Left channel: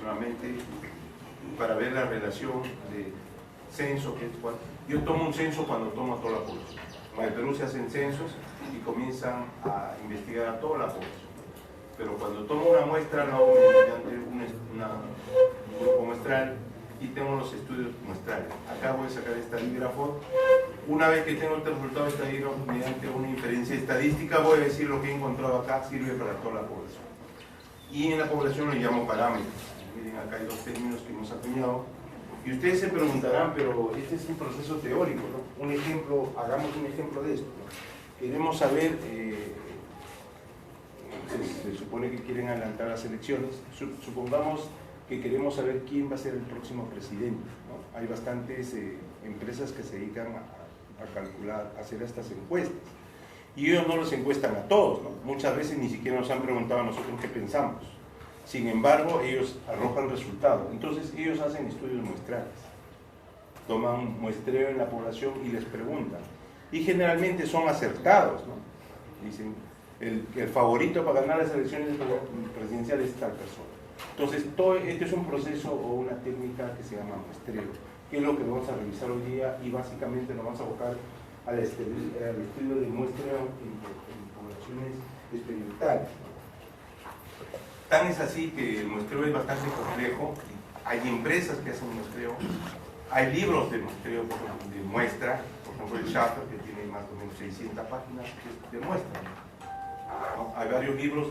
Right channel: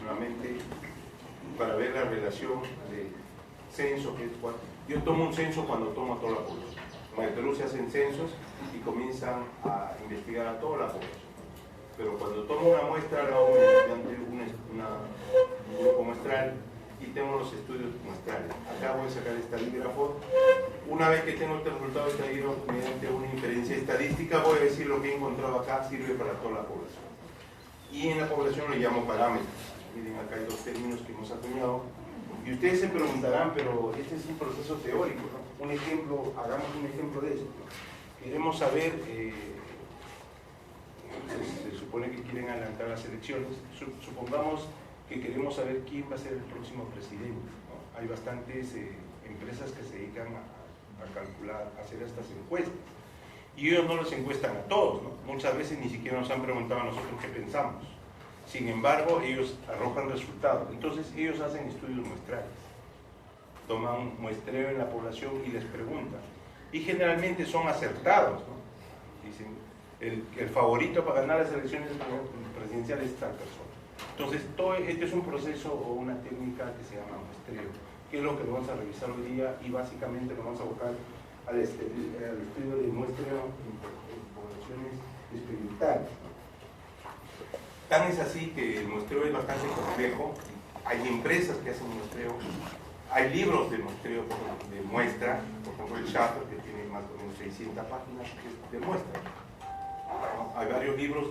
nuevamente para ver la relación de censo, que es cuál. Yo tomo un censo cuando tomo a toda la población. En el Perú se hacen censos y comienzan a investigar a toda la población. Pero cuando tomo una muestra, la hago mediante un grupo muestral y tengo los estudios muestrales. Acá voy a sacar este taquígrafo. Una vez que tengo el resultado de este taquígrafo mediante una inferencia estadística, voy a decir lo que he encontrado acá sirve para toda la población. Y en la población lo llamo parámetros. Miren, acá hay dos términos que hemos acuñado. Y ustedes se preguntarán, pero este es un proceso teórico, ¿no? Un ejemplo, hagamos un ejemplo de esto. Queremos saber, se supone que quieren adelantar las elecciones, supongamos que queremos saber quién va a ser el próximo presidente, ¿no? Hay bastantes empresas que se dedican a calcular, a hacer estas encuestas. Y ellos no los encuestan a todos, ¿no? Muchas veces ni siquiera nos han preguntado a nosotros qué pensamos. Sin embargo, ellos arrojan resultados. Entonces, ellos hacen estudios muestrales. Toman un muestreo en la población y les preguntan. Y generalmente son acertados, ¿no? Dicen, el favorito para ganar las elecciones presidenciales es tal persona. Entonces, todo este es un proceso o una técnica que se llama muestreo, que es lo que vamos a revisar hoy día y básicamente nos vamos a abocar al estudio de muestreo en poblaciones experimentales. Tan es así que el muestreo es bastante complejo. Hay empresas que hacen muestreo, hay libros de muestreo, de muestra, por ejemplo el Schaffer, que tiene más o menos 600 páginas de muestra. Hay varios libros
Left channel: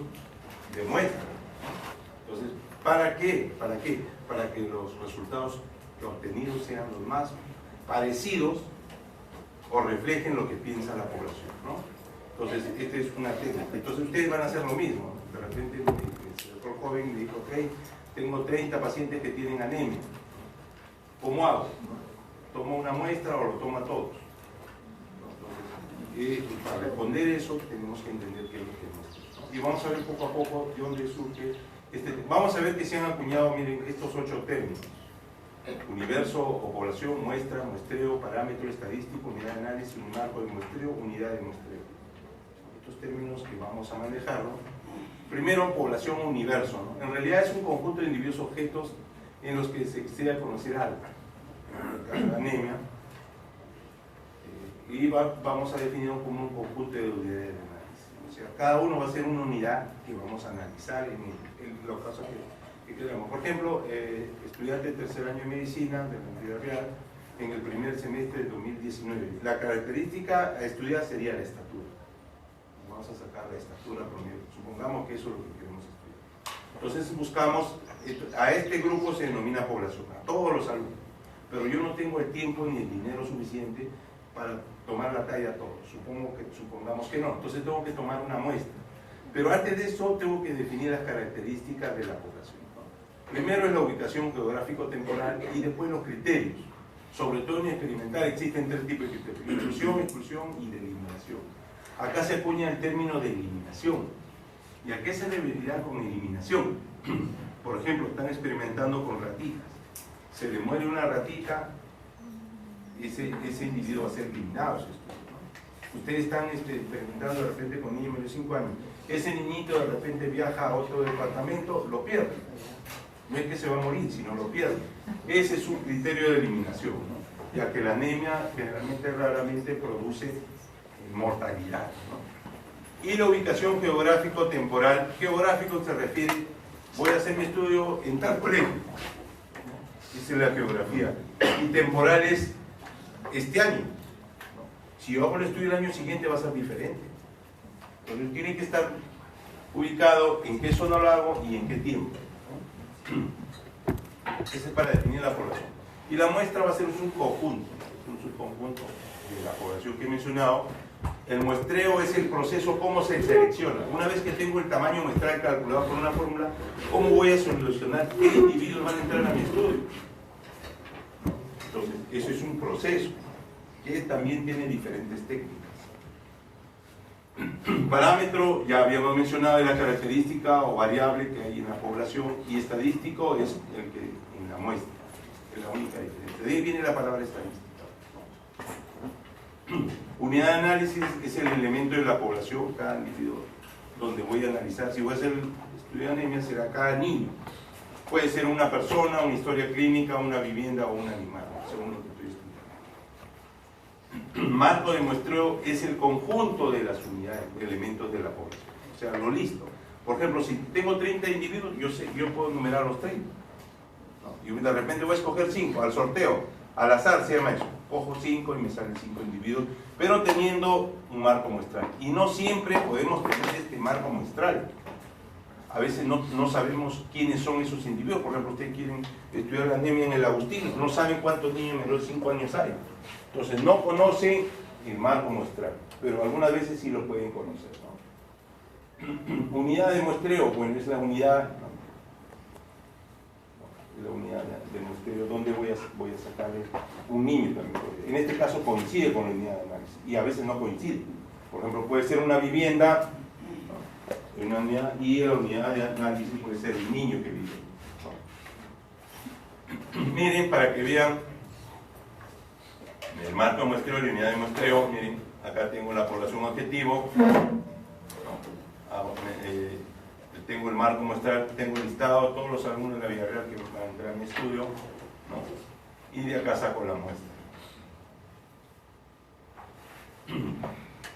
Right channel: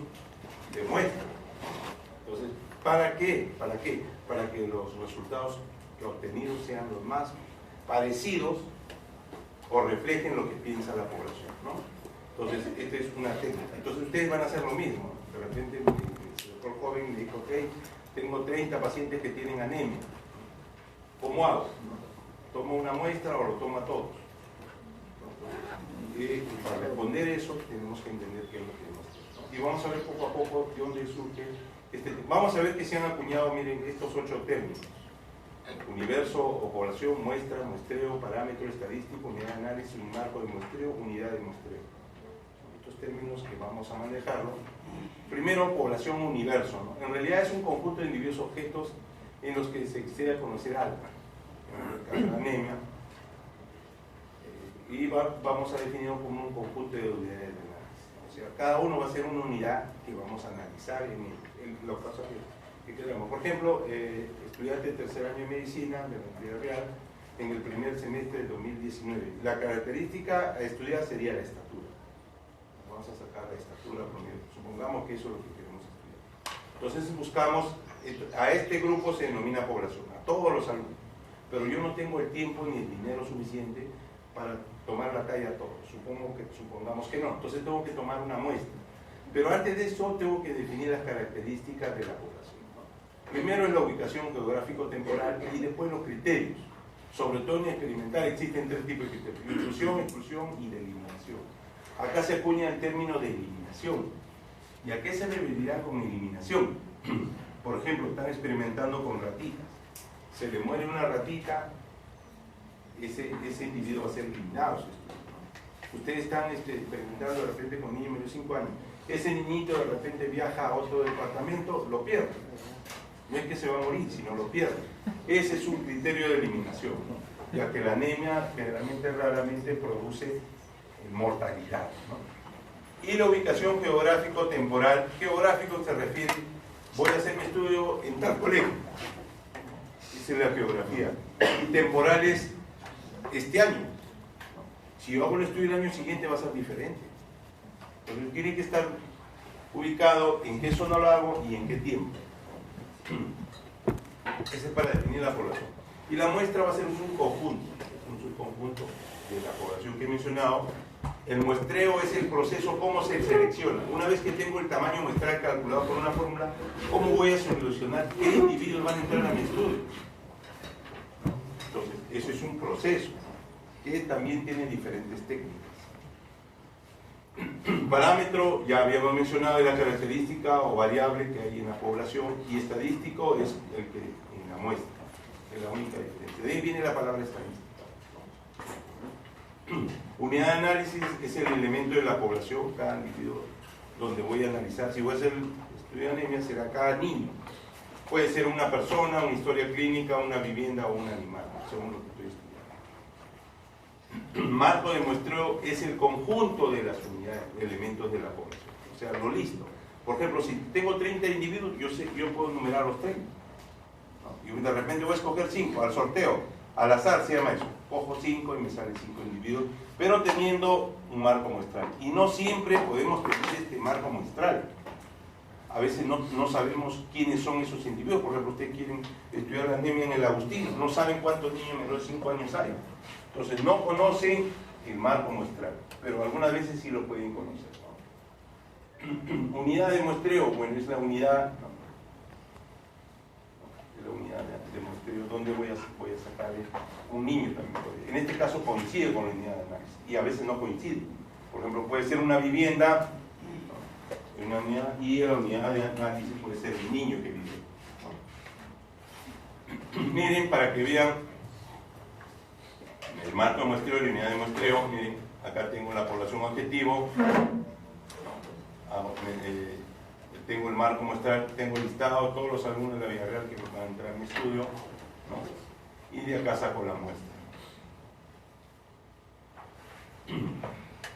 de muestra. Entonces, ¿para qué? ¿Para qué? Para que los resultados obtenidos sean los más parecidos o reflejen lo que piensa la población, ¿no? Entonces, esta es una técnica. Entonces, ustedes van a hacer lo mismo. De repente, el doctor joven me dijo, ok, tengo 30 pacientes que tienen anemia. ¿Cómo hago? ¿Tomo una muestra o lo tomo a todos? Y para responder eso, tenemos que entender qué es lo que muestra, ¿no? Y vamos a ver poco a poco de dónde surge este tema. Vamos a ver que se han acuñado, miren, estos 8 términos. Universo o población, muestra, muestreo, parámetro estadístico, unidad de análisis, un marco de muestreo, unidad de muestreo. Estos términos que vamos a manejarlo. Primero, población o universo, ¿no? En realidad es un conjunto de individuos objetos en los que se desea conocer algo. La anemia. Y vamos a definirlo como un conjunto de unidades de análisis, ¿no? O sea, cada uno va a ser una unidad que vamos a analizar en los casos que queramos. Por ejemplo, estudiante de tercer año de medicina de la Universidad Real en el primer semestre de 2019. La característica a estudiar sería la estatura. Vamos a sacar la estatura promedio. Supongamos que eso es lo que queremos estudiar. Entonces buscamos, a este grupo se denomina población, a todos los alumnos. Pero yo no tengo el tiempo ni el dinero suficiente para tomar la talla a todos. Supongamos que no. Entonces tengo que tomar una muestra. Pero antes de eso tengo que definir las características de la población, ¿no? Primero es la ubicación geográfico-temporal y después los criterios. Sobre todo en experimental existen 3 tipos de criterios: inclusión, exclusión y de eliminación. Acá se acuña el término de eliminación. ¿Y a qué se debería con eliminación? Por ejemplo, están experimentando con ratitas. Se le muere una ratita, ese individuo va a ser eliminado. ¿No? Ustedes están experimentando de repente con niños de 5 años. Ese niñito de repente viaja a otro departamento, lo pierde. No es que se va a morir, sino lo pierde. Ese es un criterio de eliminación, ¿no? Ya que la anemia generalmente raramente produce mortalidad, ¿no? Y la ubicación geográfico-temporal. Geográfico se refiere, voy a hacer mi estudio en tal colegio. Esa es la geografía. Y temporal es este año, ¿no? Si yo hago el estudio el año siguiente va a ser diferente. Entonces tiene que estar ubicado en qué zona lo hago y en qué tiempo, ¿no? Ese es para definir la población. Y la muestra va a ser un subconjunto de la población que he mencionado. El muestreo es el proceso, cómo se selecciona. Una vez que tengo el tamaño muestral calculado por una fórmula, ¿cómo voy a solucionar qué individuos van a entrar a mi estudio? Entonces, eso es un proceso que también tiene diferentes técnicas. Parámetro, ya habíamos mencionado, es la característica o variable que hay en la población, y estadístico es el que en la muestra, es la única diferencia. De ahí viene la palabra estadística. Unidad de análisis es el elemento de la población, cada individuo donde voy a analizar, si voy a hacer estudio de anemia, será cada niño. Puede ser una persona, una historia clínica, una vivienda o un animal, según lo que estoy estudiando. Marco de muestreo es el conjunto de las unidades, de elementos de la población, o sea, lo listo. Por ejemplo, si tengo 30 individuos, yo puedo numerar los 30. ¿No? Y de repente voy a escoger 5 al sorteo, al azar se llama eso. Cojo 5 y me salen 5 individuos, pero teniendo un marco muestral. Y no siempre podemos tener este marco muestral. A veces no sabemos quiénes son esos individuos. Por ejemplo, ustedes quieren estudiar la anemia en el Agustino, no saben cuántos niños menores de 5 años hay. Entonces no conocen el marco muestral, pero algunas veces sí lo pueden conocer, ¿no? Unidad de muestreo, bueno, es la unidad, ¿no? La unidad de muestreo, donde voy a sacar un niño también. En este caso coincide con la unidad de análisis, y a veces no coincide. Por ejemplo, puede ser una vivienda, ¿no? Una unidad, y la unidad de análisis puede ser el niño que vive, ¿no? Miren, para que vean el marco de muestreo y la unidad de muestreo. Miren, acá tengo la población objetivo, tengo el marco muestral, tengo listado todos los alumnos de la vida real que van a entrar a mi estudio, ¿no? Y de acá saco la muestra.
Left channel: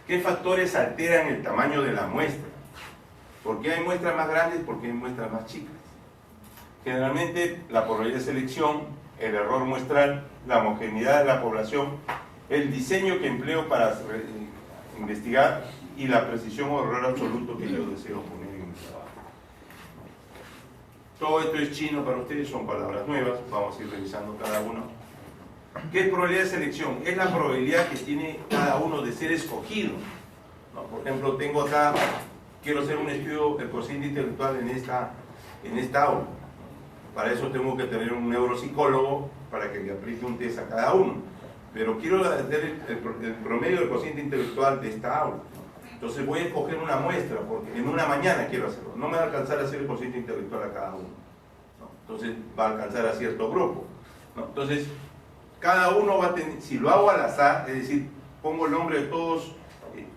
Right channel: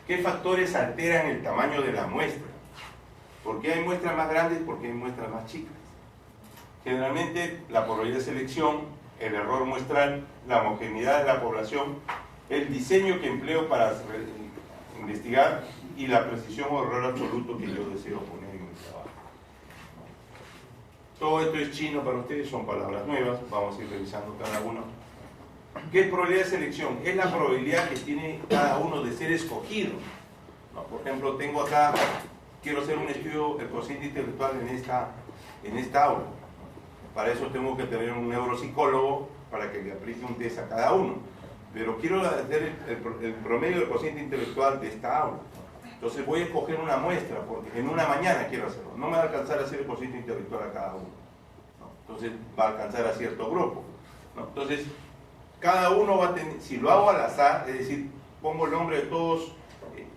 ¿Qué factores alteran el tamaño de la muestra? ¿Por qué hay muestras más grandes? ¿Por qué hay muestras más chicas? Generalmente la probabilidad de selección, el error muestral, la homogeneidad de la población, el diseño que empleo para investigar y la precisión o error absoluto que yo deseo poner en mi trabajo. Todo esto es chino para ustedes, son palabras nuevas, vamos a ir revisando cada uno. ¿Qué es probabilidad de selección? Es la probabilidad que tiene cada uno de ser escogido, ¿no? Por ejemplo, tengo acá, quiero hacer un estudio del cociente intelectual en esta aula. Para eso tengo que tener un neuropsicólogo para que le aplique un test a cada uno. Pero quiero hacer el promedio del cociente intelectual de esta aula. Entonces voy a escoger una muestra, porque en una mañana quiero hacerlo. No me va a alcanzar a hacer el cociente intelectual a cada uno, ¿no? Entonces va a alcanzar a cierto grupo, ¿no? Entonces, cada uno va a tener, si lo hago al azar, es decir, pongo el nombre de todos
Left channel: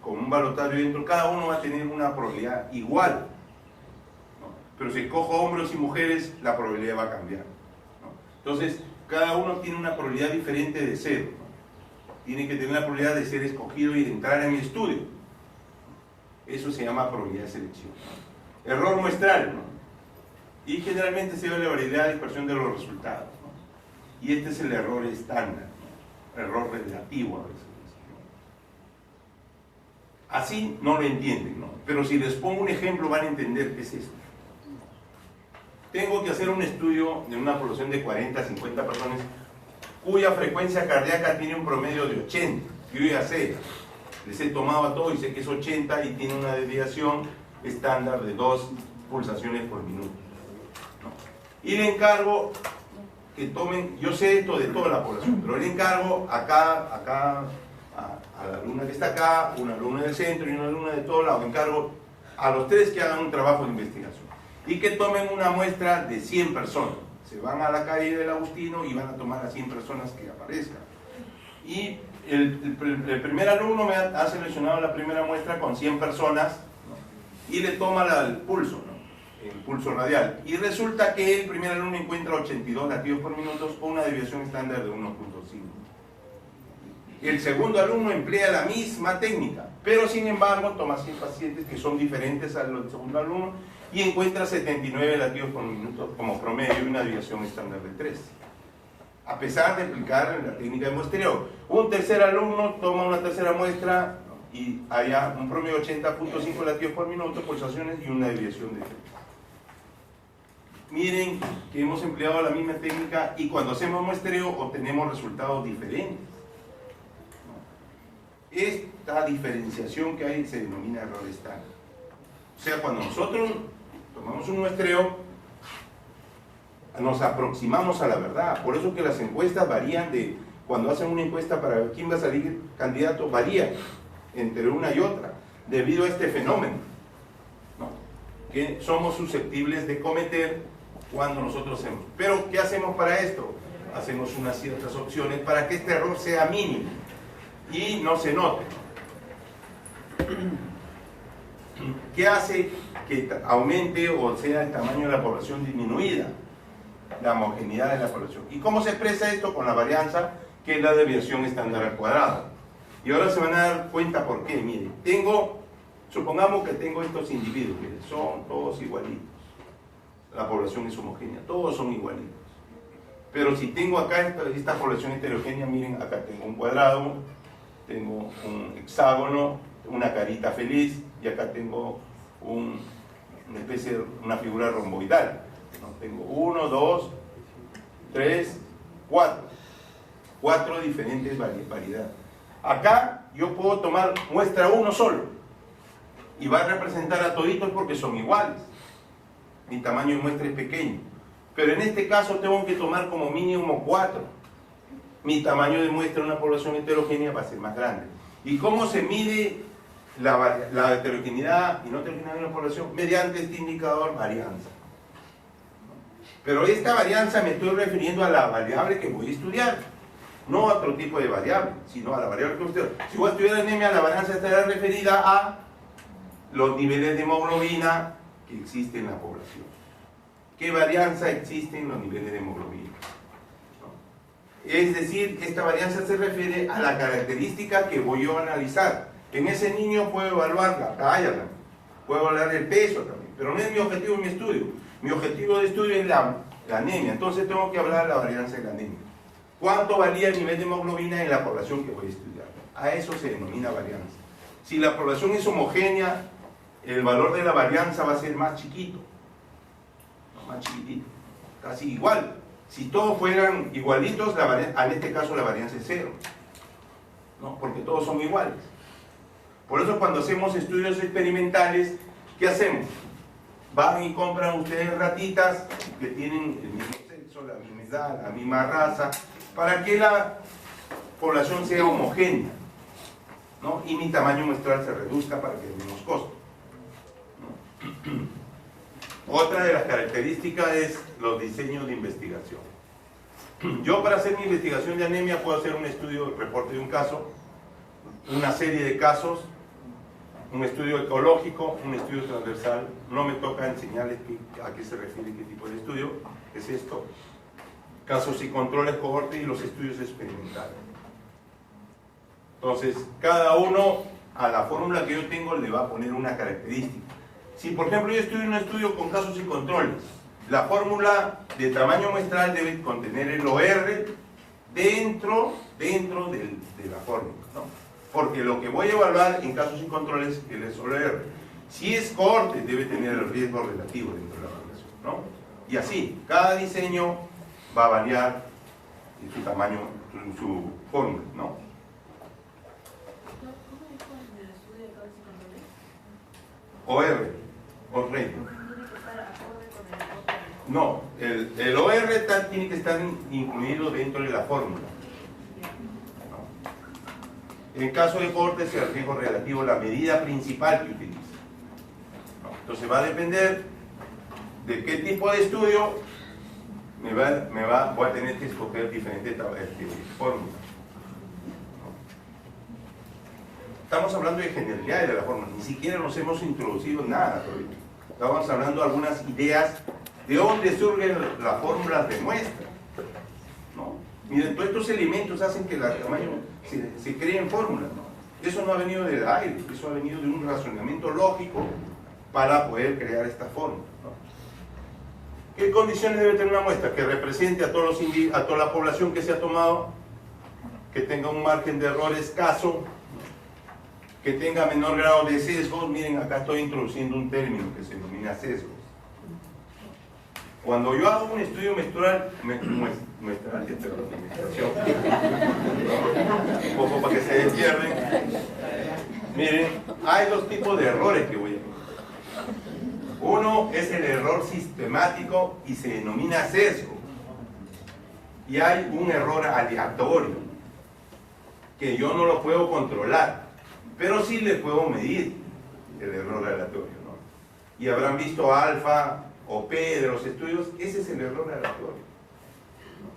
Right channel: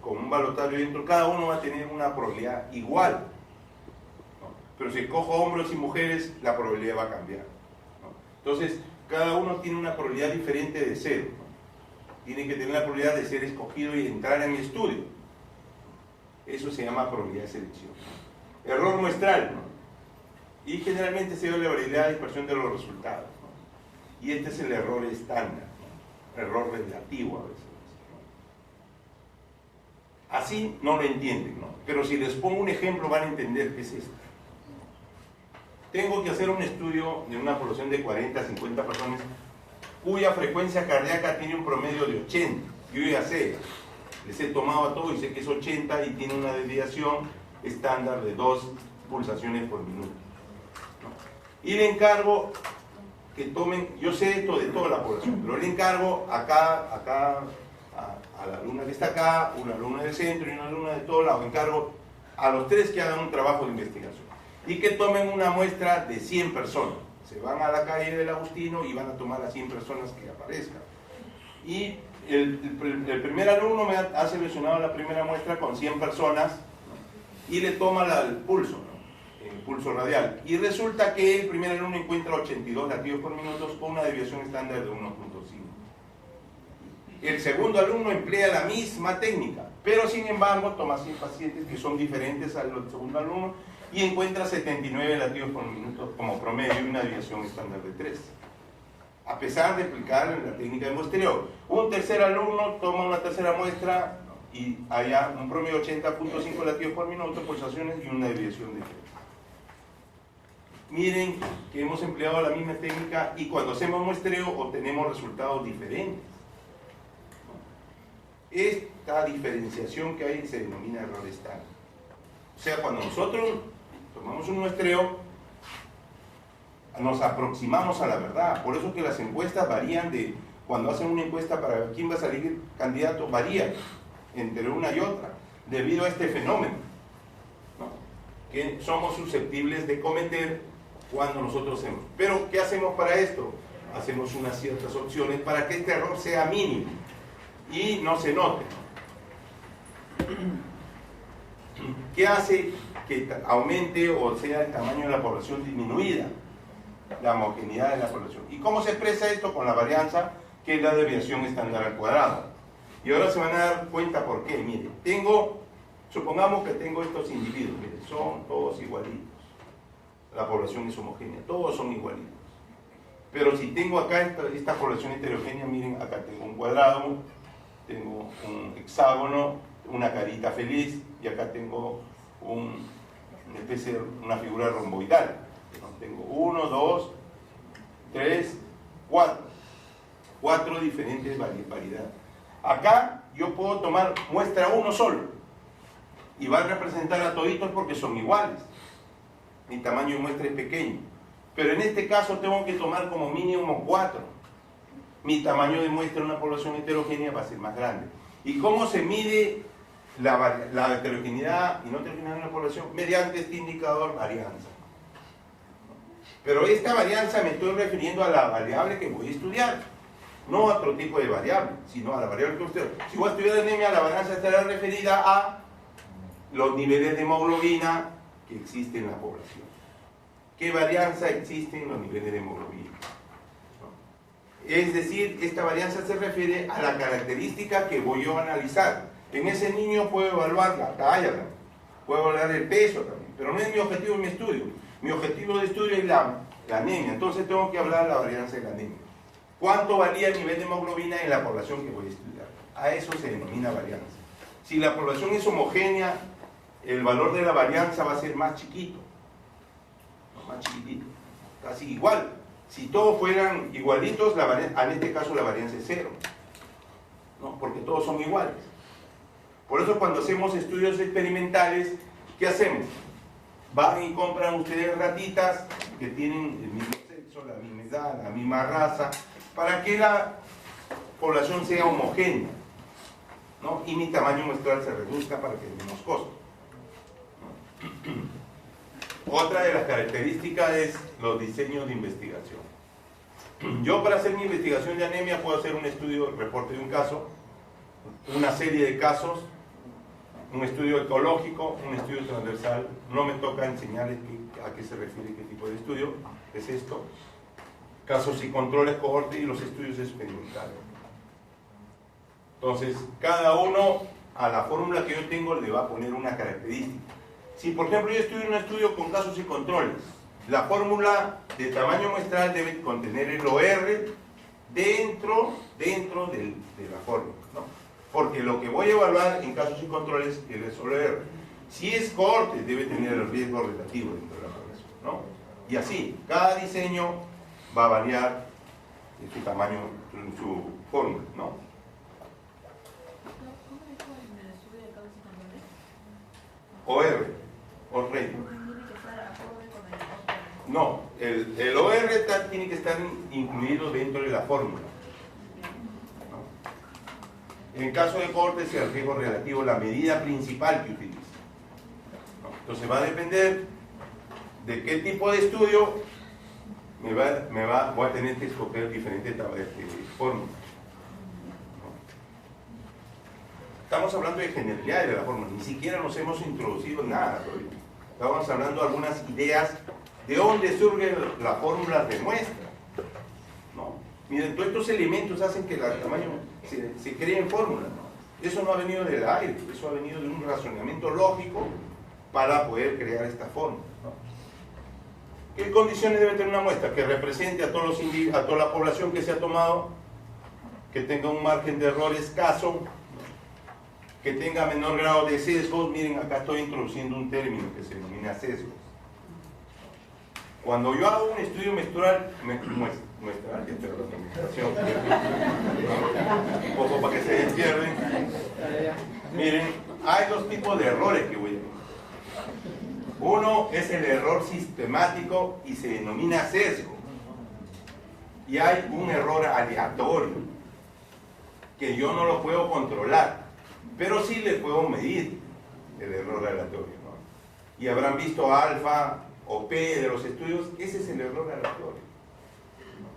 con un balotaje dentro, cada uno va a tener una probabilidad igual. Pero si escojo hombres y mujeres, la probabilidad va a cambiar, ¿no? Entonces, cada uno tiene una probabilidad diferente de ser, ¿no? Tiene que tener la probabilidad de ser escogido y entrar en mi estudio. Eso se llama probabilidad de selección, ¿no? Error muestral, ¿no? Y generalmente se ve la variabilidad de dispersión de los resultados, ¿no? Y este es el error estándar, ¿no? Error relativo a veces, ¿no? Así no lo entienden, ¿no? Pero si les pongo un ejemplo van a entender qué es esto. Tengo que hacer un estudio de una población de 40 a 50 personas cuya frecuencia cardíaca tiene un promedio de 80. Yo ya sé, les he tomado a todos y sé que es 80 y tiene una desviación estándar de 2 pulsaciones por minuto, ¿no? Y le encargo que tomen, yo sé esto de toda la población, pero le encargo a la alumna que está acá, una alumna del centro y una alumna de todos lados, encargo a los 3 que hagan un trabajo de investigación y que tomen una muestra de 100 personas. Se van a la calle del Agustino y van a tomar a 100 personas que aparezcan. Y el primer alumno me ha seleccionado la primera muestra con 100 personas, ¿no? Y le toma el pulso, ¿no? El pulso radial. Y resulta que el primer alumno encuentra 82 latidos por minuto con una desviación estándar de 1.5. El segundo alumno emplea la misma técnica, pero sin embargo toma 100 pacientes que son diferentes al segundo alumno y encuentra 79 latidos por minuto como promedio y una desviación estándar de 3. A pesar de aplicar la técnica de muestreo. Un tercer alumno toma una tercera muestra y haya un promedio de 80.5 latidos por minuto, pulsaciones y una desviación de 3. Miren que hemos empleado la misma técnica y cuando hacemos muestreo obtenemos resultados diferentes. Esta diferenciación que hay se denomina error estándar. O sea, cuando nosotros tomamos un muestreo, nos aproximamos a la verdad. Por eso que las encuestas varían de, cuando hacen una encuesta para ver quién va a salir candidato, varía entre una y otra, debido a este fenómeno, ¿no? Que somos susceptibles de cometer cuando nosotros hacemos. Pero, ¿qué hacemos para esto? Hacemos unas ciertas opciones para que este error sea mínimo y no se note. ¿Qué hace que aumente o sea el tamaño de la población disminuida? La homogeneidad de la población. ¿Y cómo se expresa esto? Con la varianza, que es la desviación estándar al cuadrado. Y ahora se van a dar cuenta por qué. Miren, supongamos que tengo estos individuos, miren, son todos igualitos. La población es homogénea, todos son igualitos. Pero si tengo acá esta población heterogénea, miren, acá tengo un cuadrado, tengo un hexágono, una carita feliz, y acá tengo una especie de una figura romboidal. ¿No? Tengo 1, 2, 3, 4. 4 diferentes variedades. Acá yo puedo tomar muestra 1 solo y va a representar a toditos porque son iguales. Mi tamaño de muestra es pequeño. Pero en este caso tengo que tomar como mínimo 4. Mi tamaño de muestra en una población heterogénea va a ser más grande. ¿Y cómo se mide la heterogeneidad y no heterogeneidad de una población? Mediante este indicador varianza. Pero esta varianza me estoy refiriendo a la variable que voy a estudiar, no a otro tipo de variable, sino a la variable que usted. Si voy a estudiar anemia, la varianza estará referida a los niveles de hemoglobina que existen en la población. ¿Qué varianza existe en los niveles de hemoglobina? Es decir, esta varianza se refiere a la característica que voy yo a analizar. En ese niño puedo evaluar la talla, puedo evaluar el peso también, pero no es mi objetivo en mi estudio. Mi objetivo de estudio es la anemia, entonces tengo que hablar de la varianza de la anemia. ¿Cuánto varía el nivel de hemoglobina en la población que voy a estudiar? A eso se denomina varianza. Si la población es homogénea, el valor de la varianza va a ser más chiquito. Más chiquitito, casi igual. Si todos fueran igualitos, en este caso la varianza es 0. ¿No? Porque todos son iguales. Por eso cuando hacemos estudios experimentales, ¿qué hacemos? Van y compran ustedes ratitas que tienen el mismo sexo, la misma edad, la misma raza, para que la población sea homogénea, ¿no? Y mi tamaño muestral se reduzca para que haya menos costos, ¿no? Otra de las características es los diseños de investigación. Yo para hacer mi investigación de anemia puedo hacer un estudio, reporte de un caso, una serie de casos, un estudio ecológico, un estudio transversal. No me toca enseñarles a qué se refiere qué tipo de estudio es esto. Casos y controles, cohorte y los estudios experimentales. Entonces, cada uno a la fórmula que yo tengo le va a poner una característica. Si, por ejemplo, yo estoy en un estudio con casos y controles, la fórmula de tamaño muestral debe contener el OR dentro de la fórmula, ¿no? Porque lo que voy a evaluar en casos y controles es el OR. Si es cohorte, debe tener el riesgo relativo dentro de la población, ¿no? Y así, cada diseño va a variar en su tamaño, en su fórmula, ¿no? OR, o rating. No, el OR tiene que estar incluido dentro de la fórmula. En el caso de cohorte es el riesgo relativo, la medida principal que utiliza. Entonces va a depender de qué tipo de estudio voy a tener que escoger diferentes fórmulas. Estamos hablando de generalidades de la fórmula, ni siquiera nos hemos introducido en nada todavía. Estamos hablando de algunas ideas de dónde surgen las fórmulas de muestra, ¿no? Miren, todos estos elementos hacen que el tamaño se creen fórmulas, ¿no? Eso no ha venido del aire, eso ha venido de un razonamiento lógico para poder crear esta fórmula, ¿no? ¿Qué condiciones debe tener una muestra? Que represente a toda la población que se ha tomado, que tenga un margen de error escaso, que tenga menor grado de sesgo. Miren, acá estoy introduciendo un término que se denomina sesgo. Cuando yo hago un estudio muestral, un poco para que se despierten, miren, hay dos tipos de errores que voy a poner. Uno es el error sistemático y se denomina sesgo. Y hay un error aleatorio, que yo no lo puedo controlar, pero sí le puedo medir el error aleatorio, ¿no? Y habrán visto alfa o P de los estudios, ese es el error aleatorio, ¿no?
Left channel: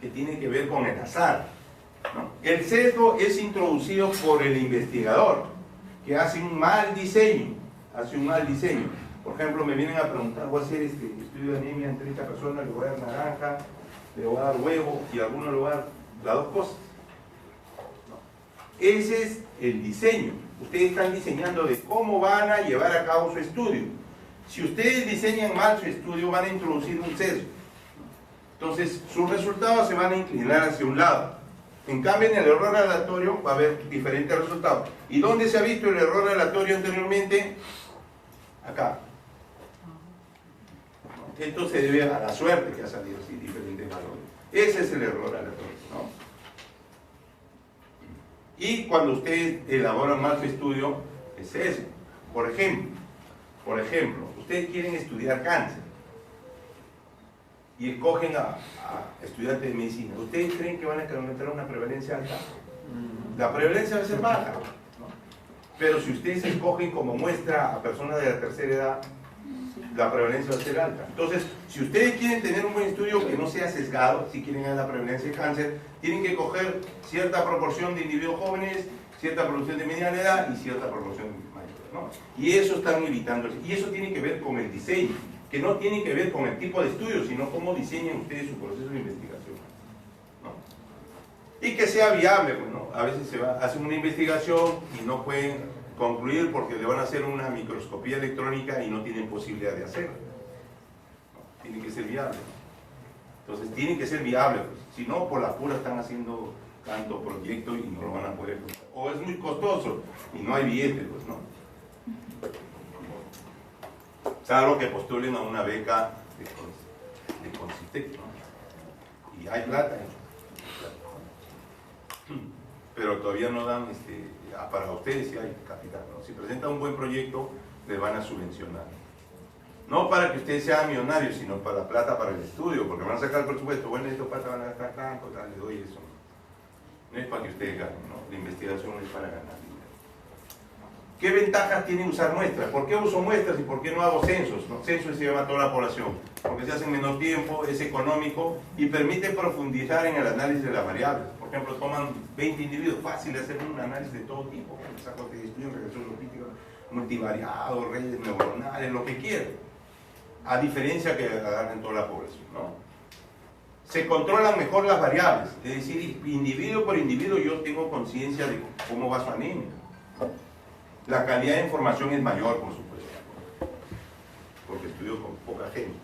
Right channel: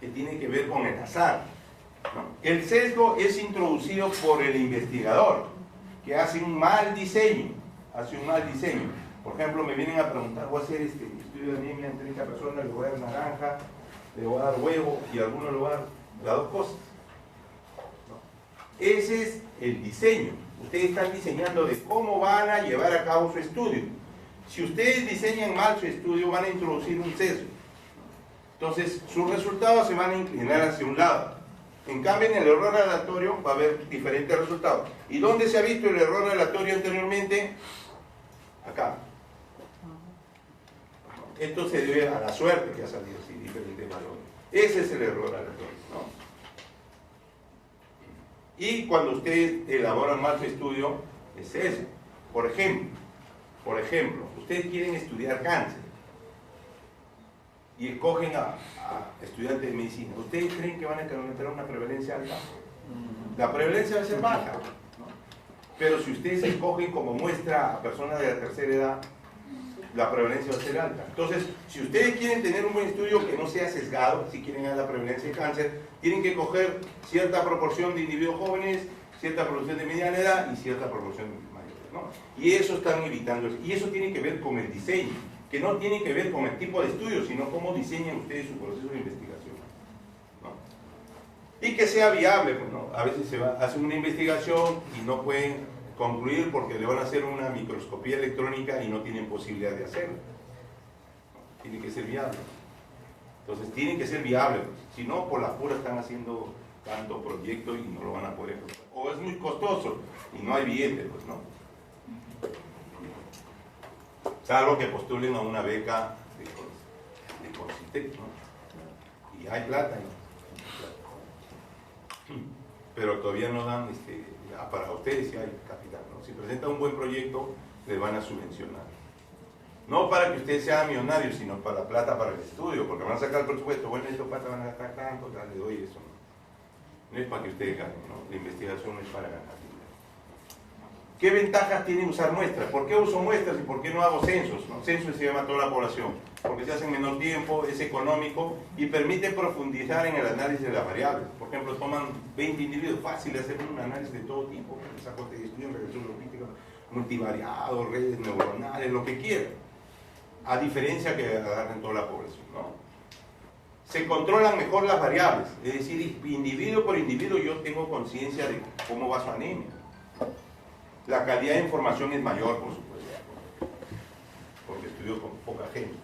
Que tiene que ver con el azar, ¿no? El sesgo es introducido por el investigador, que hace un mal diseño, hace un mal diseño. Por ejemplo, me vienen a preguntar, voy a hacer este estudio de anemia en 30 personas, le voy a dar naranja, le voy a dar huevo y a alguno le voy a dar las dos cosas. No. Ese es el diseño. Ustedes están diseñando de cómo van a llevar a cabo su estudio. Si ustedes diseñan mal su estudio, van a introducir un sesgo. Entonces, sus resultados se van a inclinar hacia un lado. En cambio, en el error aleatorio va a haber diferentes resultados. ¿Y dónde se ha visto el error aleatorio anteriormente? Acá. Esto se debe a la suerte que ha salido así, diferentes valores. Ese es el error aleatorio, ¿no? Y cuando ustedes elaboran mal su estudio, es eso. Por ejemplo, ustedes quieren estudiar cáncer y escogen a estudiantes de medicina. ¿Ustedes creen que van a encontrar una prevalencia alta? La prevalencia va a ser baja, ¿no? Pero si ustedes escogen como muestra a personas de la tercera edad, la prevalencia va a ser alta. Entonces, si ustedes quieren tener un buen estudio que no sea sesgado, si quieren ver la prevalencia de cáncer, tienen que coger cierta proporción de individuos jóvenes, cierta proporción de mediana edad y cierta proporción de mayores, ¿no? Y eso están evitando. Y eso tiene que ver con el diseño, que no tiene que ver con el tipo de estudio, sino cómo diseñan ustedes su proceso de investigación, ¿no? Y que sea viable, pues, ¿no? A veces hacen una investigación y no pueden concluir porque le van a hacer una microscopía electrónica y no tienen posibilidad de hacerlo. ¿No? Tiene que ser viable. Entonces, tiene que ser viable, pues. Si no, por la pura están haciendo tantos proyectos y no lo van a poder lograr. O es muy costoso y no hay billete, pues, ¿no? Salvo que postulen a una beca de Concitec, ¿no? Y hay plata, pero todavía no dan, para ustedes sí hay capital, ¿no? Si presentan un buen proyecto, les van a subvencionar. No para que ustedes sean millonarios, sino para plata para el estudio, porque van a sacar el presupuesto. Bueno, estos patas van a gastar tanto, le doy eso. No es para que ustedes ganen, ¿no? La investigación no es para ganar. ¿Qué ventajas tiene usar muestras? ¿Por qué uso muestras y por qué no hago censos? ¿No? Censos se llama a toda la población, porque se hace en menor tiempo, es económico y permite profundizar en el análisis de las variables. Por ejemplo, toman 20 individuos, fácil de hacer un análisis de todo tipo, sacos de estudio, regresión logística, multivariados, redes neuronales, lo que quieran, a diferencia que agarren toda la población, ¿no? Se controlan mejor las variables, es decir, individuo por individuo yo tengo conciencia de cómo va su anemia. La calidad de información es mayor, por supuesto, porque estudio con poca gente.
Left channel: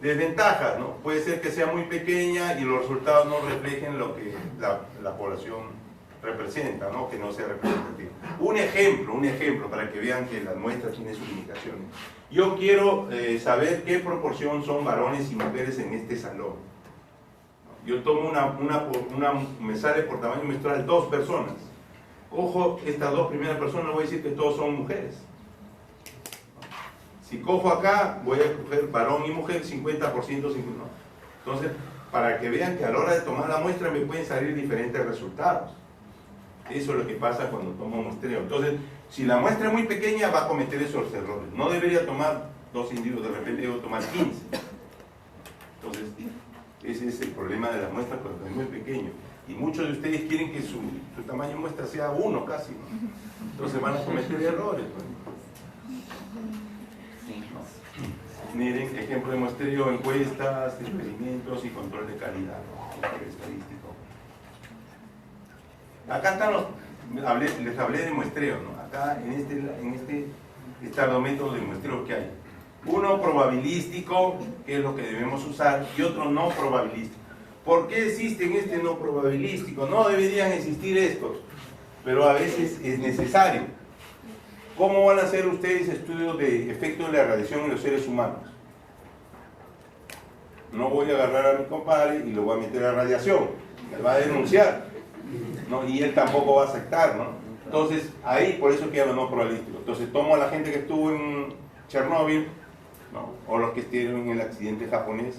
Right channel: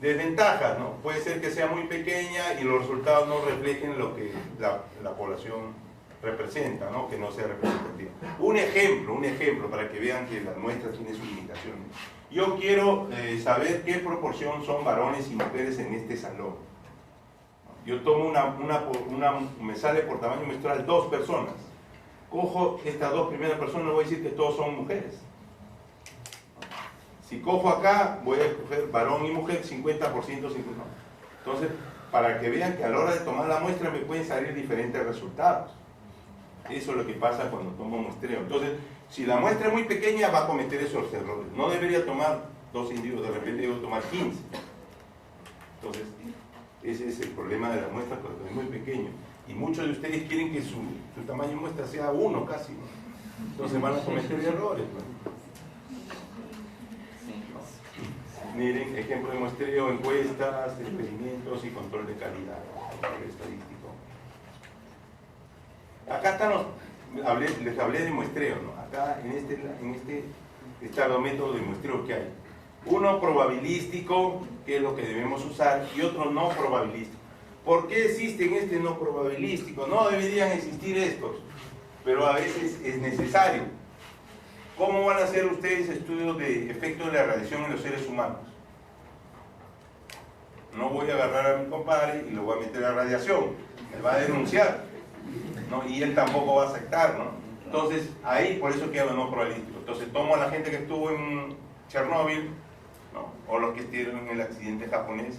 Desventajas, ¿no? Puede ser que sea muy pequeña y los resultados no reflejen lo que la población representa, ¿no? Que no sea representativo. Un ejemplo para que vean que las muestras tienen sus limitaciones. Yo quiero saber qué proporción son varones y mujeres en este salón. Yo tomo me sale por tamaño menstrual 2 personas. Cojo estas 2 primeras personas, no voy a decir que todos son mujeres. Si cojo acá, voy a coger varón y mujer, 50%, 50%. Entonces, para que vean que a la hora de tomar la muestra me pueden salir diferentes resultados. Eso es lo que pasa cuando tomo muestreo. Entonces, si la muestra es muy pequeña, va a cometer esos errores. No debería tomar 2 individuos, de repente debo tomar 15. Entonces, ese es el problema de la muestra cuando es muy pequeño. Y muchos de ustedes quieren que su tamaño de muestra sea 1 casi, ¿no? Entonces van a cometer errores, ¿no? Miren, ejemplo de muestreo, encuestas, experimentos y control de calidad, ¿no? Estadístico. Acá están les hablé de muestreo, ¿no? Acá en este están los métodos de muestreo que hay. Uno probabilístico, que es lo que debemos usar, y otro no probabilístico. ¿Por qué existen este no probabilístico? No deberían existir estos, pero a veces es necesario. ¿Cómo van a hacer ustedes estudios de efectos de la radiación en los seres humanos? No voy a agarrar a mi compadre y lo voy a meter a radiación. Él va a denunciar, ¿no? Y él tampoco va a aceptar, ¿no? Entonces, ahí por eso queda no probabilístico. Entonces, tomo a la gente que estuvo en Chernóbil, ¿no? O los que estuvieron en el accidente japonés,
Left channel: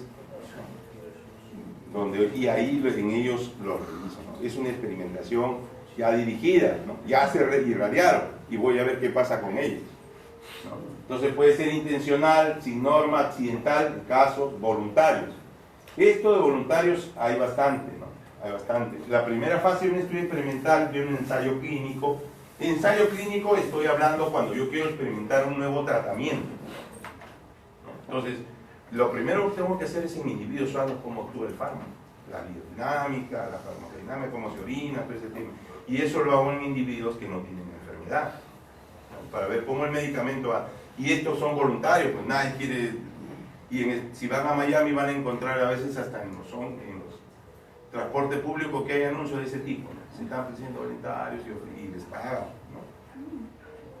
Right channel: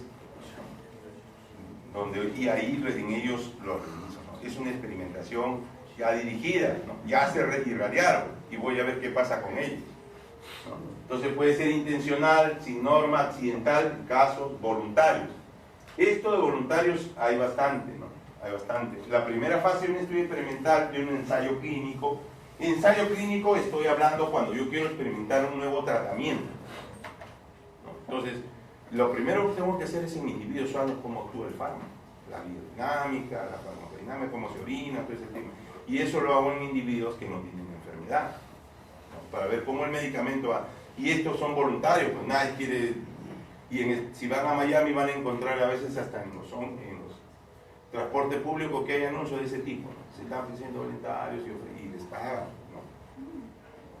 y ahí en ellos lo reviso, ¿no? Es una experimentación ya dirigida, ¿no? Ya se irradiaron y voy a ver qué pasa con ellos, ¿no? Entonces puede ser intencional, sin norma, accidental, casos voluntarios. Esto de voluntarios hay bastante, ¿no? Hay bastante. La primera fase de un estudio experimental, de un ensayo clínico, Ensayo clínico estoy hablando cuando yo quiero experimentar un nuevo tratamiento. Entonces, lo primero que tengo que hacer es en individuos saber cómo actúa el fármaco, la biodinámica, la farmacodinámica, cómo se orina, todo ese tema. Y eso lo hago en individuos que no tienen enfermedad, ¿no? Para ver cómo el medicamento va. Y estos son voluntarios, pues nadie quiere. Si van a Miami van a encontrar a veces hasta en los transporte público que hay anuncios de ese tipo, ¿no? Se están ofreciendo voluntarios y les pagan, ¿no?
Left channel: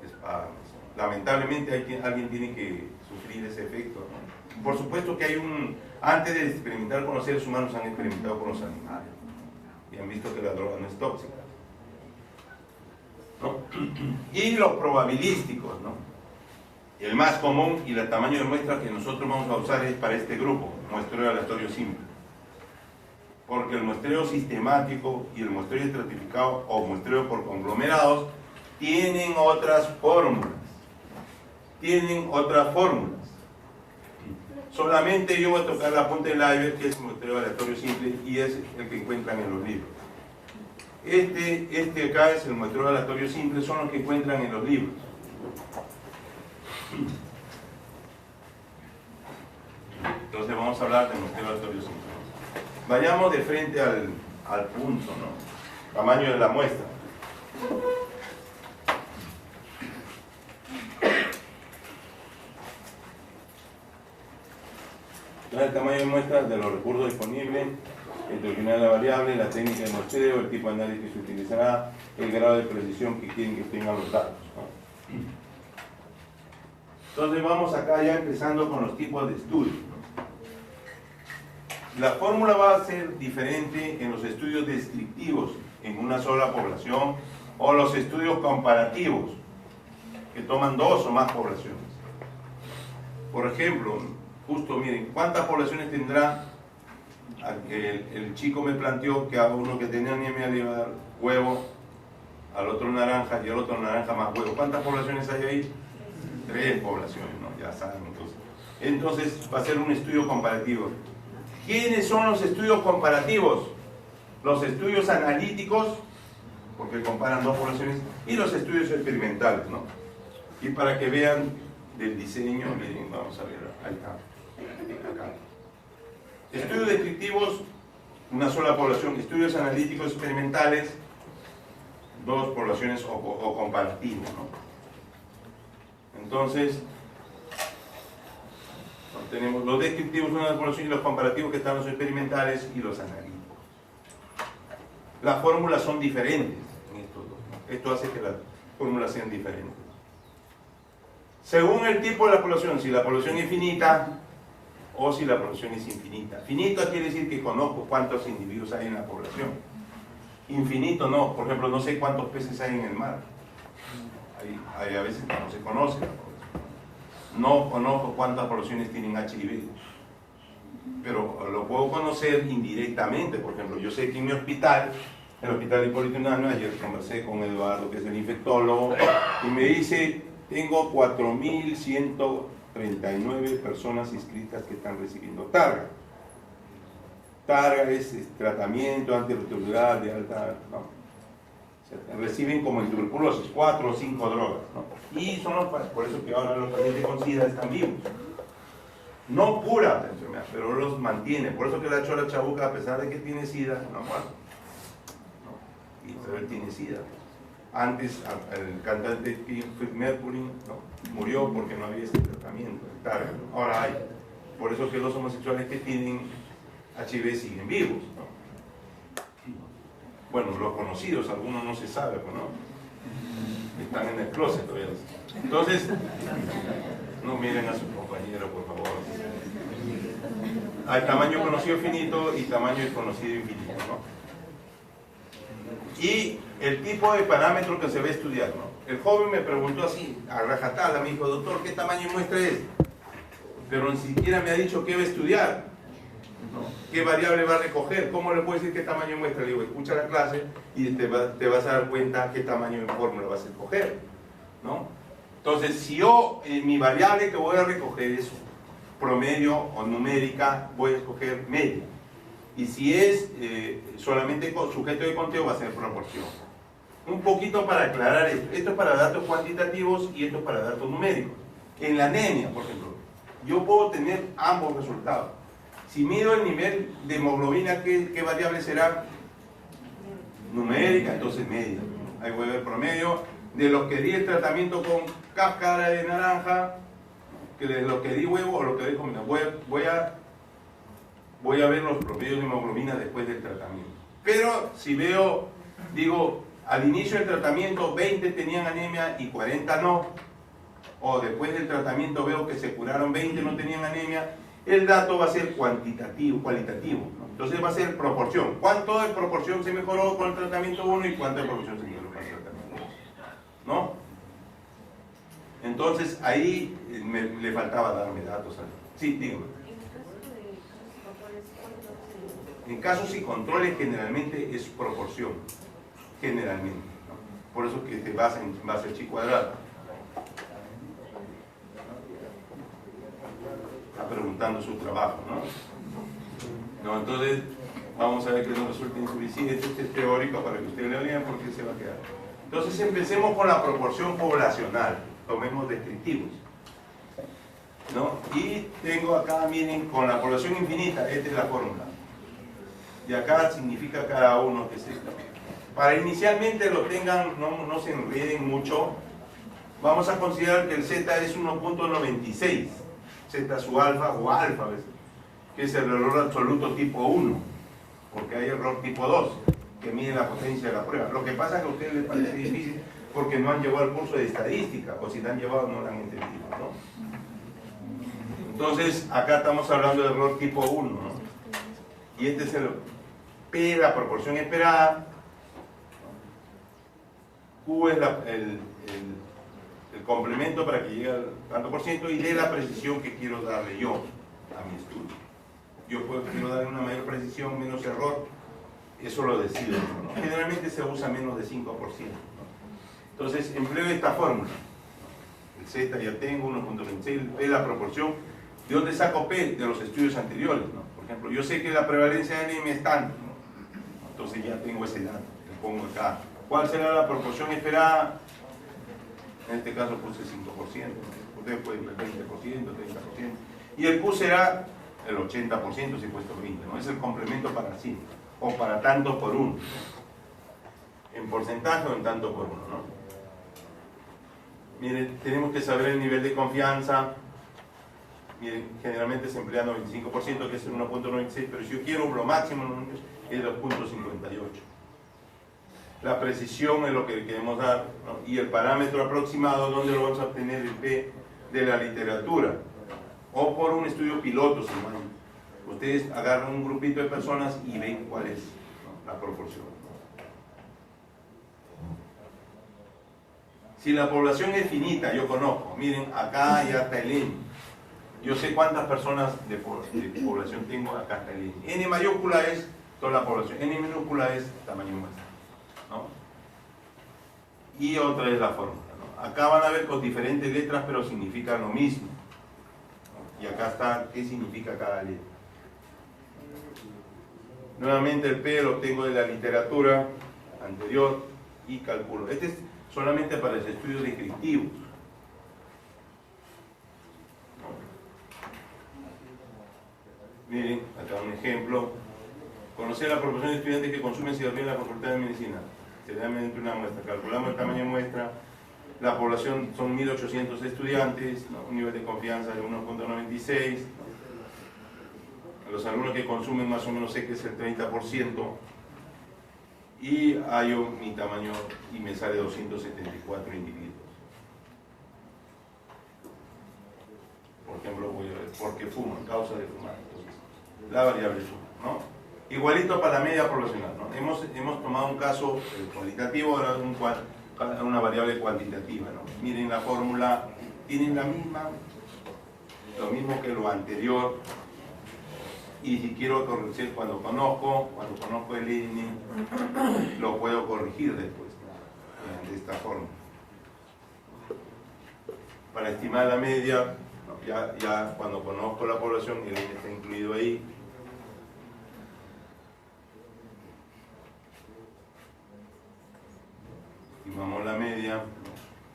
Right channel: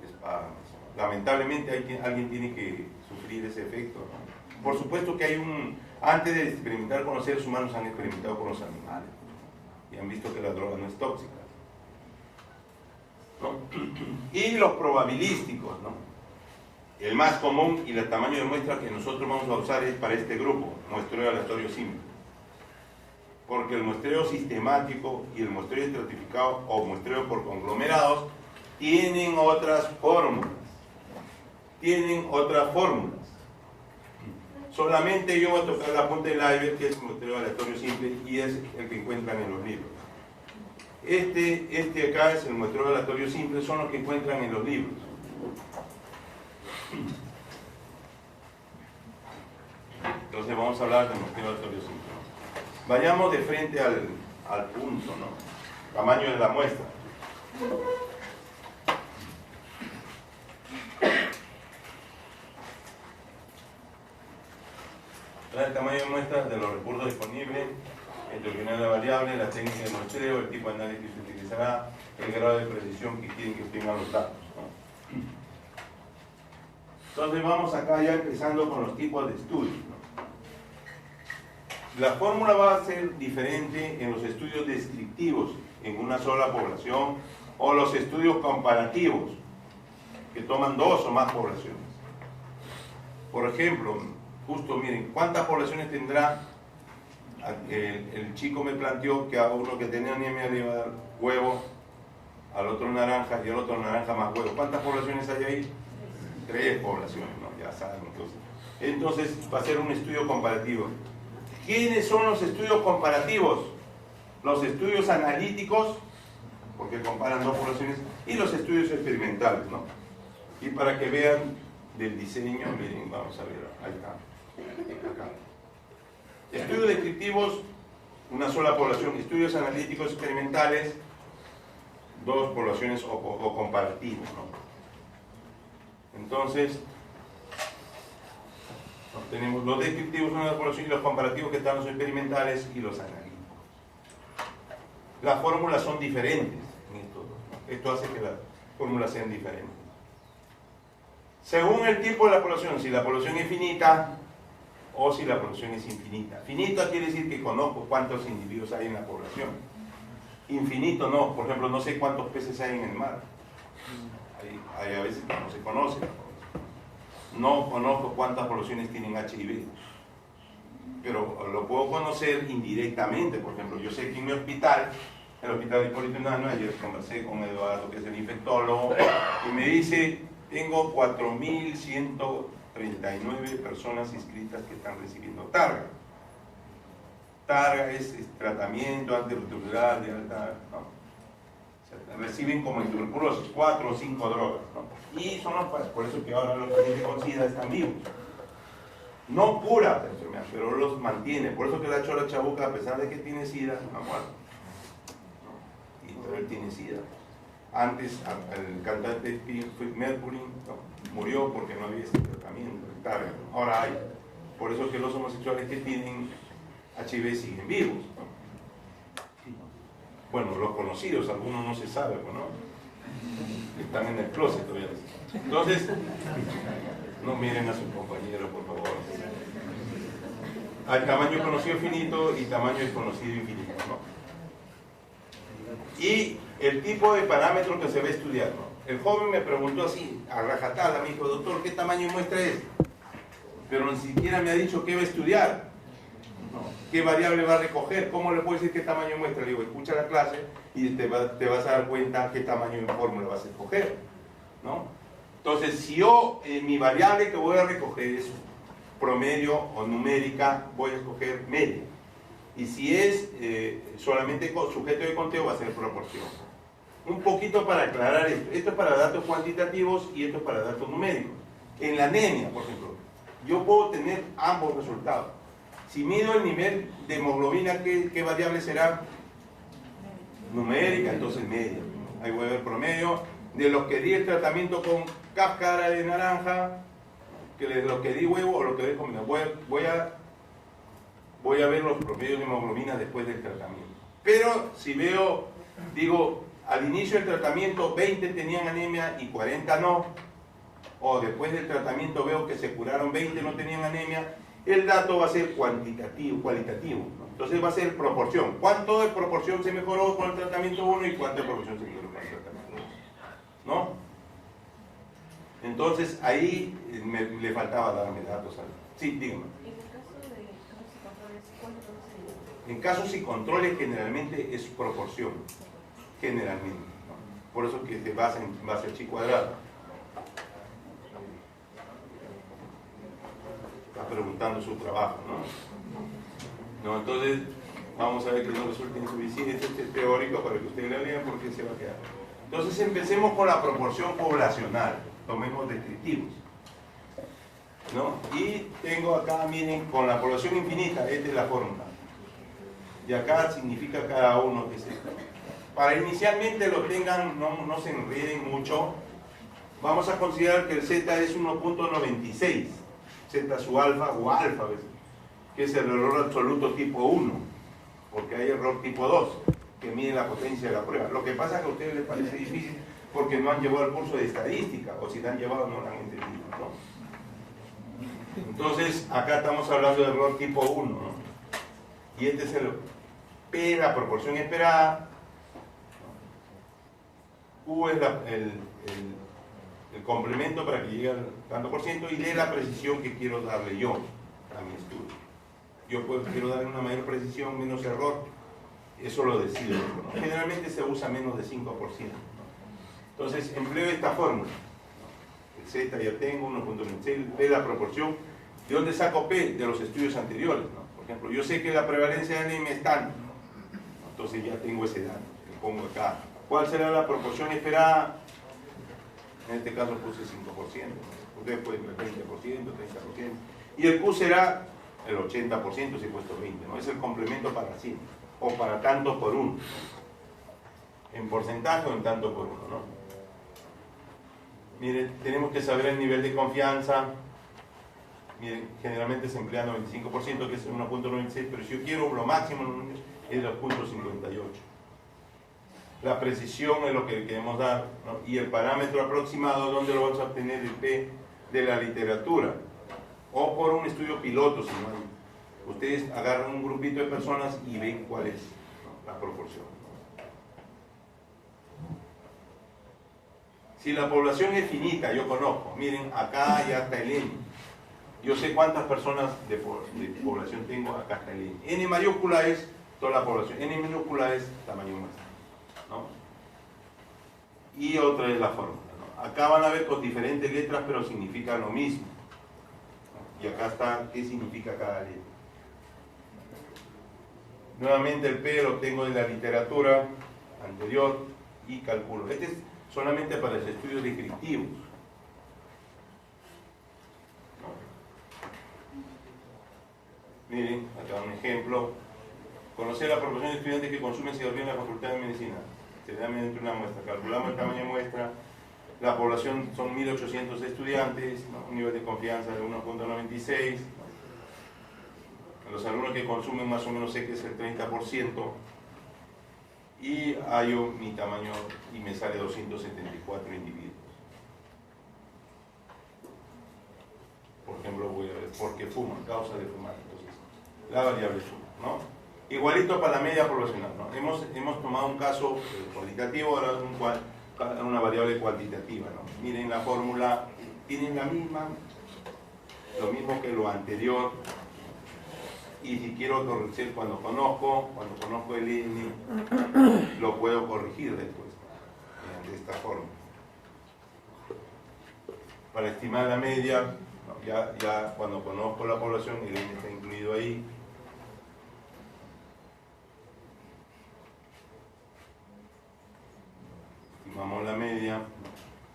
Les pagan. Lamentablemente alguien tiene que sufrir ese efecto, ¿no? Por supuesto que antes de experimentar con los seres humanos han experimentado con los animales y han visto que la droga no es tóxica, ¿no? Y los probabilísticos, ¿no? El más común y el tamaño de muestra que nosotros vamos a usar es para este grupo, muestreo aleatorio simple. Porque el muestreo sistemático y el muestreo estratificado o muestreo por conglomerados tienen otras fórmulas. Solamente yo voy a tocar la punta del iceberg, que es el muestreo aleatorio simple, y es el que encuentran en los libros. Este acá es el muestreo aleatorio simple, son los que encuentran en los libros. Entonces vamos a hablar del muestreo aleatorio simple. Vayamos de frente al punto, ¿no? Tamaño de la muestra. El tamaño de muestra de los recursos disponibles, el determinar la variable, la técnica de muestreo, el tipo de análisis que se utilizará, el grado de precisión que tienen que estimar los datos, ¿no? Entonces vamos acá ya empezando con los tipos de estudios, ¿no? La fórmula va a ser diferente en los estudios descriptivos en una sola población o los estudios comparativos que toman 2 o más poblaciones. Por ejemplo, justo miren, ¿cuántas poblaciones tendrá? El chico me planteó que a uno que tenía anemia le iba a dar huevo, al otro naranja y al otro naranja más huevo. ¿Cuántas poblaciones hay ahí? 3 poblaciones, ¿no? Ya saben. Entonces va a ser un estudio comparativo. ¿Quiénes son los estudios comparativos? Los estudios analíticos, porque comparan 2 poblaciones, y los estudios experimentales, ¿no? Y para que vean del diseño, miren, vamos a ver, ahí está. Acá. Estudios descriptivos, una sola población. Estudios analíticos experimentales, 2 poblaciones o comparativos, ¿no? Entonces, tenemos los descriptivos, una población, y los comparativos que están los experimentales y los analíticos. Las fórmulas son diferentes en estos dos, ¿no? Esto hace que las fórmulas sean diferentes. Según el tipo de la población, si la población es finita o si la población es infinita. Finita quiere decir que conozco cuántos individuos hay en la población. Infinito no, por ejemplo, no sé cuántos peces hay en el mar. Hay a veces que no se conoce la población. No conozco cuántas poblaciones tienen HIV, pero lo puedo conocer indirectamente. Por ejemplo, yo sé que en mi hospital, el hospital de Hipólito Unanue, ayer conversé con Eduardo, que es el infectólogo, y me dice, tengo 4.139 personas inscritas que están recibiendo Targa. Targa es tratamiento antirretroviral de alta, ¿no? Reciben como en tuberculosis 4 o 5 drogas, ¿no? Y son por eso que ahora los pacientes con SIDA están vivos. No cura la enfermedad, pero los mantiene. Por eso que la Chola Chabuca, a pesar de que tiene SIDA, no ha muerto, ¿no? Pero él tiene SIDA. Antes el cantante Freddie Mercury, ¿no? Murió porque no había ese tratamiento. Ahora hay. Por eso que los homosexuales que tienen HIV siguen vivos, ¿no? Bueno, los conocidos, algunos no se sabe, ¿no? Están en el closet todavía. Entonces, no miren a sus compañeros, por favor. Hay tamaño conocido finito y tamaño desconocido infinito, ¿no? Y el tipo de parámetro que se va a estudiar, ¿no? El joven me preguntó así, a rajatabla, me dijo, doctor, ¿qué tamaño de muestra es? Pero ni siquiera me ha dicho qué va a estudiar, ¿no? ¿Qué variable va a recoger? ¿Cómo le puedo decir qué tamaño de muestra? Le digo, escucha la clase y te vas a dar cuenta qué tamaño de fórmula vas a escoger, ¿no? Entonces, si yo, mi variable que voy a recoger es promedio o numérica, voy a escoger media. Y si es solamente sujeto de conteo, va a ser proporción. un poquito para aclarar esto. Esto es para datos cuantitativos y esto es para datos numéricos. En la anemia, por ejemplo, yo puedo tener ambos resultados. Si mido el nivel de hemoglobina, ¿qué variable será? Numérica, entonces media. Ahí voy a ver promedio de los que di el tratamiento con cáscara de naranja, que de los que di huevo o los que di comida. Voy a ver los promedios de hemoglobina después del tratamiento. Pero si veo, digo, al inicio del tratamiento 20 tenían anemia y 40 no, o después del tratamiento veo que se curaron 20 no tenían anemia, el dato va a ser cualitativo, ¿no? Entonces va a ser proporción. ¿Cuánto de proporción se mejoró con el tratamiento 1 y cuánto de proporción se mejoró con el tratamiento 2? ¿No? Entonces ahí le faltaba darme datos a mí. Sí, dígame. En casos y controles generalmente es proporción, generalmente, ¿no? Por eso que se basa en base chi cuadrado. Está preguntando su trabajo, ¿no? Entonces vamos a ver que no resulta insuficiente, este es teórico para que ustedes lo vean porque se va a quedar. Entonces empecemos con la proporción poblacional, tomemos descriptivos, ¿no? Y tengo acá, miren, con la población infinita, esta es la fórmula. Y acá significa cada uno que se... Para inicialmente lo tengan, no se enreden mucho, vamos a considerar que el Z es 1.96, Z su alfa o alfa, ¿ves? Que es el error absoluto tipo 1, porque hay error tipo 2, que mide la potencia de la prueba. Lo que pasa es que a ustedes les parece difícil porque no han llevado el curso de estadística, o si la han llevado no la han entendido, ¿no? Entonces, acá estamos hablando de error tipo 1, ¿no? Y este es el P, la proporción esperada, Q es el complemento para que llegue al tanto por ciento, y D la precisión que quiero darle yo a mi estudio. Yo quiero darle una mayor precisión, menos error, eso lo decido, ¿no? Generalmente se usa menos de 5%, ¿no? Entonces empleo esta fórmula. El Z ya tengo, 1.26, P la proporción. ¿De dónde saco P? De los estudios anteriores, ¿no? Por ejemplo, yo sé que la prevalencia de anemia es tanto, ¿no? Entonces ya tengo ese dato, le pongo acá. ¿Cuál será la proporción esperada? En este caso puse 5%, ¿no? Ustedes pueden ver 20%, 30%. Y el Q será el 80%, si he puesto 20, ¿no? Es el complemento para sí, o para tanto por uno. En porcentaje o en tanto por uno, ¿no? Miren, tenemos que saber el nivel de confianza. Miren, generalmente se emplea 95%, que es el 1.96, pero si yo quiero lo máximo es 2.58. La precisión es lo que le queremos dar, ¿no? Y el parámetro aproximado, ¿dónde lo vamos a obtener? El P de la literatura, o por un estudio piloto, si no. Ustedes agarran un grupito de personas y ven cuál es, ¿no? La proporción. Si la población es finita, yo conozco, miren, acá ya está el N. Yo sé cuántas personas de población tengo, acá está el N. N mayúscula es toda la población, N minúscula es tamaño muestra, ¿no? Y otra es la fórmula, ¿no? Acá van a ver con diferentes letras, pero significan lo mismo, ¿no? Y acá está qué significa cada letra. Nuevamente el P lo tengo de la literatura anterior y calculo. Este es solamente para los estudios descriptivos. Miren, acá un ejemplo. Conocer la proporción de estudiantes que consumen cigarrillos en la Facultad de Medicina. Se da mediante una muestra. Calculamos el tamaño de muestra. La población son 1.800 estudiantes, ¿no? Un nivel de confianza de 1.96. A los alumnos que consumen más o menos sé que es el 30%. Y hallo mi tamaño y me sale 274 individuos. Por ejemplo, voy a ver por qué fuman, causa de fumar. Entonces, la variable suma, ¿no? Igualito para la media poblacional, ¿no? Hemos tomado un caso cualitativo, ahora una variable cuantitativa, ¿no? Miren la fórmula, tienen la misma, lo mismo que lo anterior. Y si quiero corregir cuando conozco el N, lo puedo corregir después, de esta forma. Para estimar la media, ya cuando conozco la población, el N está incluido ahí.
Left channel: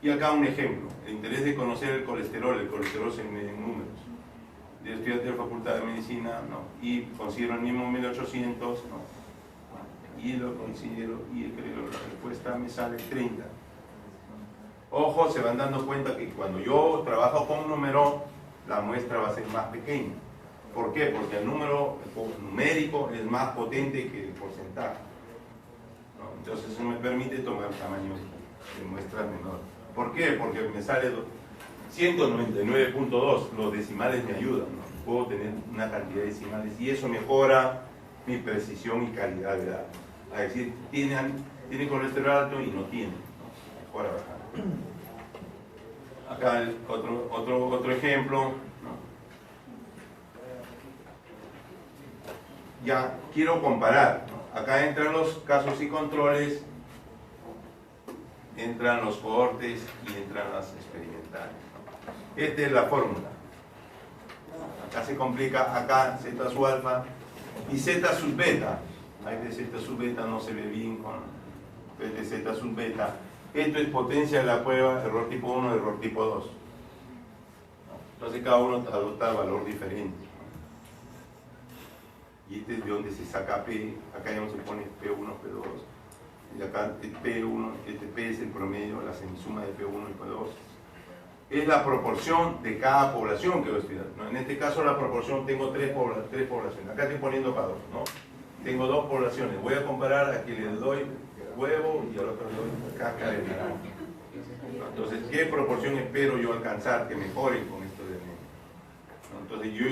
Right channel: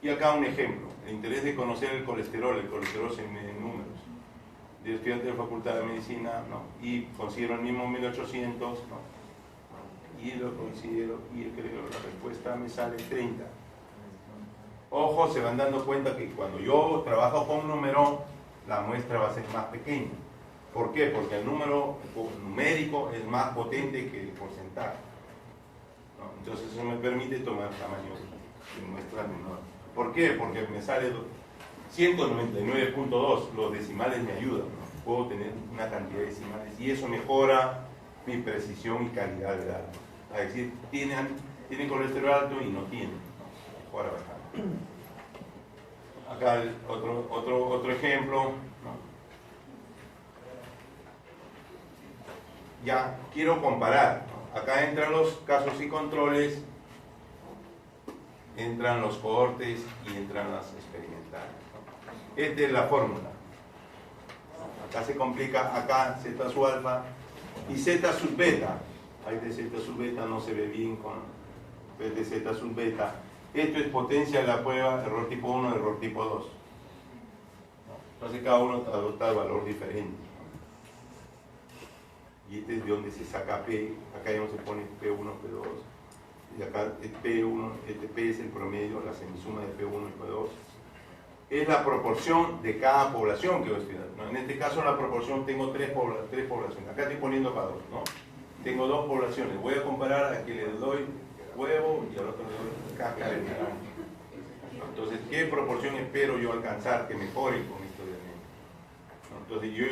Y acá un ejemplo, el interés de conocer el colesterol se mide en números. Yo estudiante de la Facultad de Medicina, no, y considero el mismo 1800, no, y lo considero, y creo que la respuesta me sale 30. Ojo, se van dando cuenta que cuando yo trabajo con un número, la muestra va a ser más pequeña. ¿Por qué? Porque el número numérico es más potente que el porcentaje, ¿no? Entonces eso me permite tomar tamaños de muestra menor. ¿Por qué? Porque me sale 199.2, los decimales me ayudan, ¿no? Puedo tener una cantidad de decimales y eso mejora mi precisión y calidad de datos. Es decir, tiene colesterol alto y no tiene, ¿no? Mejora bastante. Acá otro ejemplo, ¿no? Ya quiero comparar, ¿no? Acá entran los casos y controles, entran los cohortes y entran las experimentales, ¿no? Esta es la fórmula. Acá se complica, acá Z sub alfa y Z sub beta. Ahí de Z sub beta no se ve bien con de Z sub beta. Esto es potencia de la prueba, error tipo 1, error tipo 2. Entonces cada uno adopta el valor diferente. Y este es de donde se saca P, acá ya no se pone P1, P2. Y acá P1, este P es el promedio, la semisuma de P1 y P2. Es la proporción de cada población que voy a estudiar, ¿no? En este caso la proporción, tengo tres poblaciones. Acá estoy poniendo para dos, ¿no? Tengo dos poblaciones. Voy a comparar a quien le doy huevo y al otro le doy cáscara de verano. Entonces, ¿qué proporción espero yo alcanzar que mejore con esto de mí? Entonces, yo